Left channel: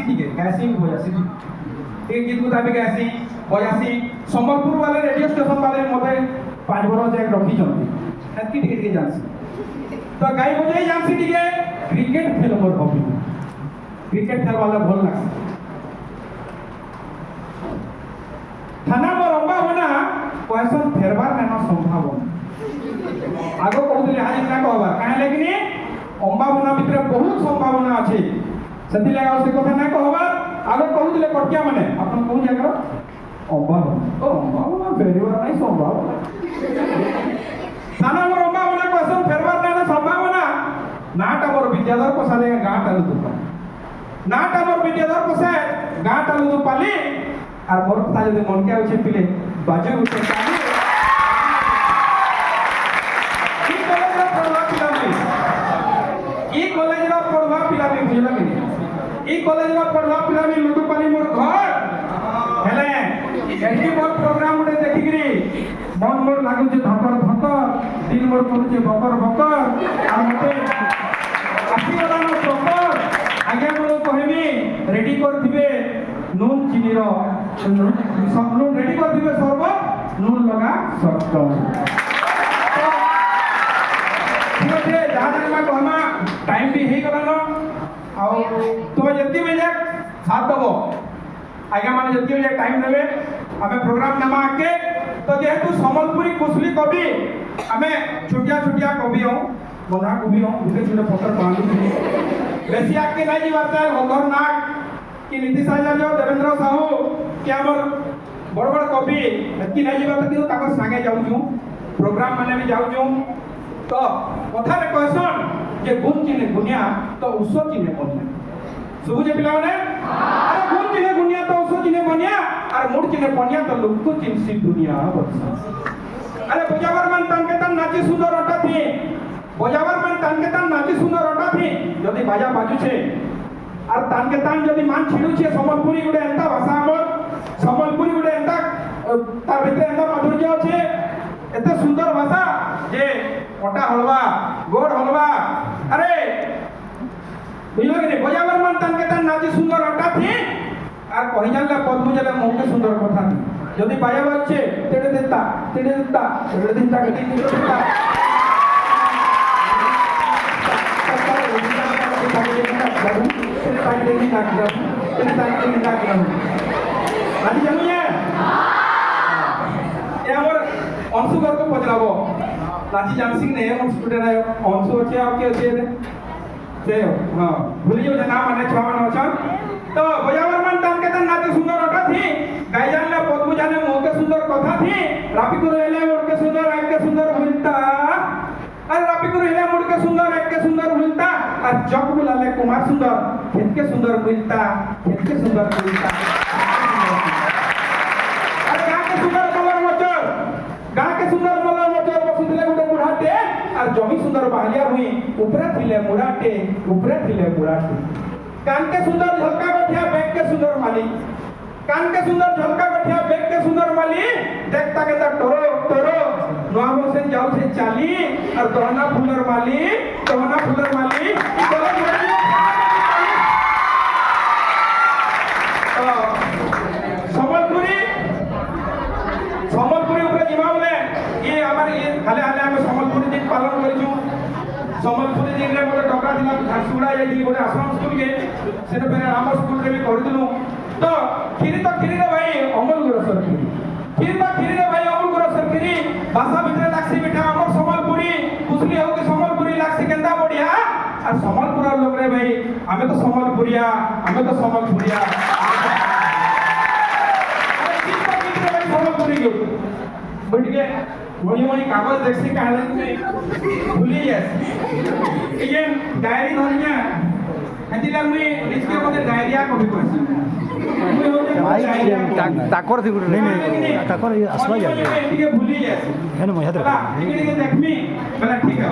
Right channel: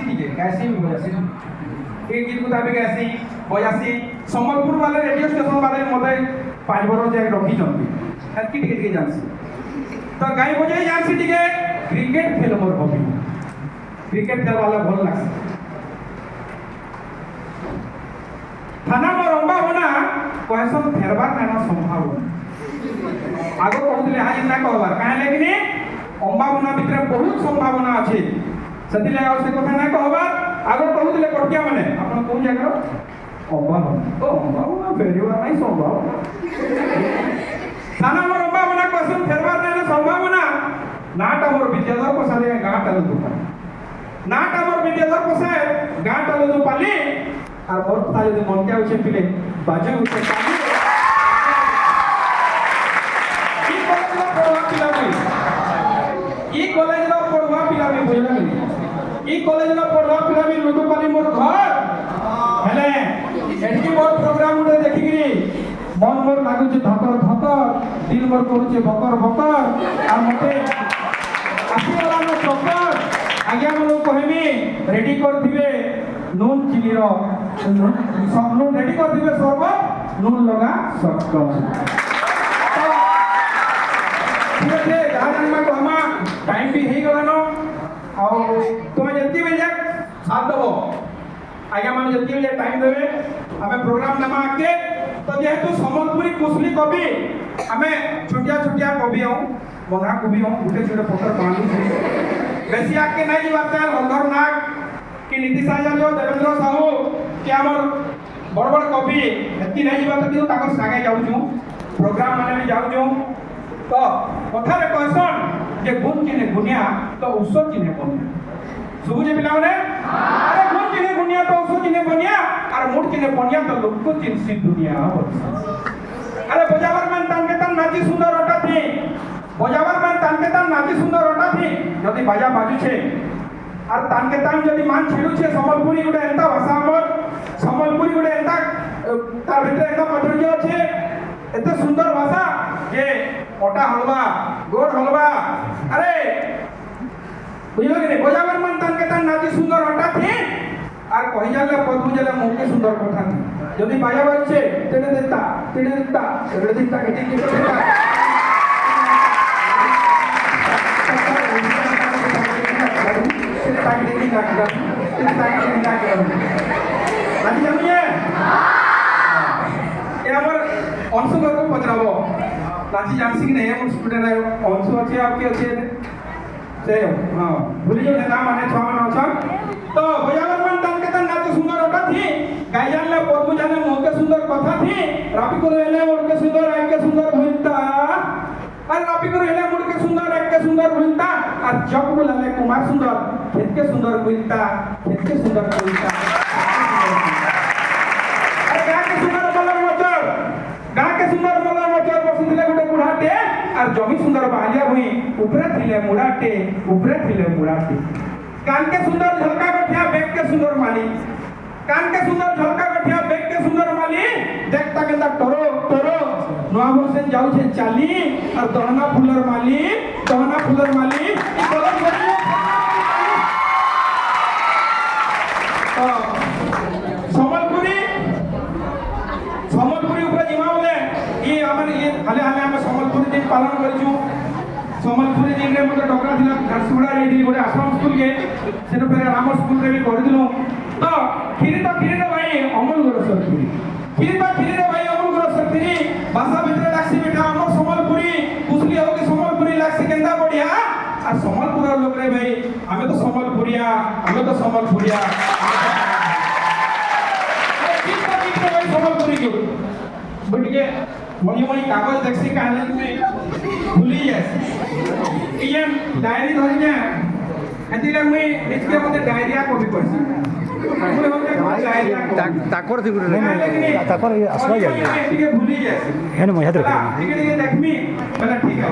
জানছি টিকে গাইছি বজাছি এই গীত গুলা বি গাইছি বজাছি সম্বলপুর বালে রেডিও স্টেশন বালে মতে 5 বছর যাই রখিছন্তি এতকি টিকে টিকে জানছি তো গাই বজাই জানছি টিকে ক্রিকেট খেল মোর হবি ক্রিকেট খেলবালে ভাল লাগছে থানা মোর সম্ভাবনা কয়েসন ফেরবার নাইন সম্ভাবনা আগ কହୁଥିଲେ হাই না কহবার কাহে লাগিনি সম্ভাবনা ভিতরে বহুত সম্ভাবনা আছে সেতিলে আর সে কথা না কহবার আগ কହୁଥିଲେ কটকিয়া মানে আপন কোন জায়গা সম্ভাবনা ও সম্ভাবনা ফেরবার নাই সম্ভাবনা থানা মোর সম্ভাবনা কয়েসন ফেরবার নাইন সম্ভাবনা নাটা মোর বিদ্যাধর প্রসাদে গাঁটা লুদু পালি নাটা মোর বিদ্যাধর প্রসাদ গাঁটা লুদু পালি আর মোর কথা যদি মনকে আছে পিলে বাজে উঠে পালি ई कॉलेज रो पढ़वा पिला में बुझला कि ई कॉलेज रो पढ़वा पिला में लुटू पानी मोर घर हेले एठी मोर प्रोग्राम उडे देखि गिरी मन मोर लागु जे धकर धकर दिल मोर कहू जे बकर बकर आ मते आसी वाला नो सकर आज्ञा मनो कहबी रेडी कर दिबे नून चिनी रो सब नून रेडी कर दिबे सर्व नून लगा सब ठीक है जहाँ जाने को हमा टाइम भी ही गला नो और तुम्हें जल्दी मिल जाए साथ दो आगे माने जल्दी मिल जाए टाइम देवे हमें प्रोग्राम नामा आके तो जेहेतु सम्बलपुरी कुशली कवि हमें छोटिया छोटिया कवि हूँ बंधा कवि हूँ उनके छोटे पत्थर बांधू बेसी आके नहीं जी बात है गंधर नाग कि नीतीश आचार्य देवेंद्र साहू कि हमर बड़ बड़ कवि एति नहीं जी बात कि ताकर सागे जाऊँ प्रोग्राम माने भी जाऊँ तो कथारे कहसन जे गुण चिने गुनिया तो उस चिने बनिया सुबुजे पिला माने अरे गुण चिने गुनिया तो उस चिने बनिया और मूड चिने बनिया तो लोग को चिनसी दुनिया बस अरे बजावर मन तनके तन नाची सुंदर अटा थी बजावर मन तनके तन नाची सुंदर अटा थी यदि बाजा बाजू छे और तनके तन यदि मान छिडू छे सम्बलपुरी गुडे एंता भाषा हमर सम्बलपुरी गुडे एंता तार भितर एंता माधुर्य छे एते सुंदर भाषा जे ओटा हलवा गोड़ हलवा अरे बुझलो कि नहीं बजावर मन तन के तन नाची सुंदर अटा थी আর কই জানলে পদ বুঝলে মুখে সুন্দর কথা যদি বাজা বাজছে তেড়ে দিতা কেটে দিতা নাচি জানুয়ে এ আমার অংশগর্ব পচাবো नाची जानसी नहीं है मुझ स्टूडेंट है ऑनसो अच्छे आपके अच्छे से हां भूल जाओ नाम माने छावन अच्छा तो बजावर मन तन के तन नाचे सुंदर अटा थी गायजान ले पद्मु जाने मोके सुंदर कथा थी रापी को हेले मोके सुंदर एक के सुंदर भूलता अरे रापी को हेले मोके सुंदर एक के सुंदर भूलता और जब बुलाले कुमार सुंदर खेत के सुंदर भूलता खेत के सुंदर भूलता अरे गा के सुंदर मलर मचर बसिले गोटे बुढ़ाटे और जमी सुंदर बाहरिया हुई ऊपरे थिले मुड़ाटे कान के सुंदर झलका बैठिया बेग के सुंदर माली कान के सुंदर झलका बैठिया बेग के सुंदर माली देखता के तक टोरो नवा बसे जाऊ छे चाली और दहना फुलर माली सम्बलपुरी ऊपर जिमा बोले ये हमर ये हाले हम सम्बलपुरी दिन पालन करिछु सम्बलपुरी दिन रे मते डकरा दिना घरसुड़ा जाई दिली गोटे आश्रम स्कूल के सेनो पर राम स्कूल रे भी कर दिलु तो खिरी रे भाई अमल गुरु सरखिरी रे भाई अमल गुरु सरखिरी भाषा भीतर लागसी बेटा हमर सम्बलपुरी कुसली हो के सम्बलपुरी लागसी केंदा बढ़िया और सम्बलपुर लोग रे भाई हमें तो सम्बलपुरिया सम्बलपुरी के बुढ़िए मणि कागज देखसी कहले भूली जाए ये डायरी धरिया एति लाग मी लिख के मते डायरिया को भी कहसी ताकर थी नहीं ताकर आसवा जाए भूली जाए है ना मैं ठीक है देखमी बोला ठीक है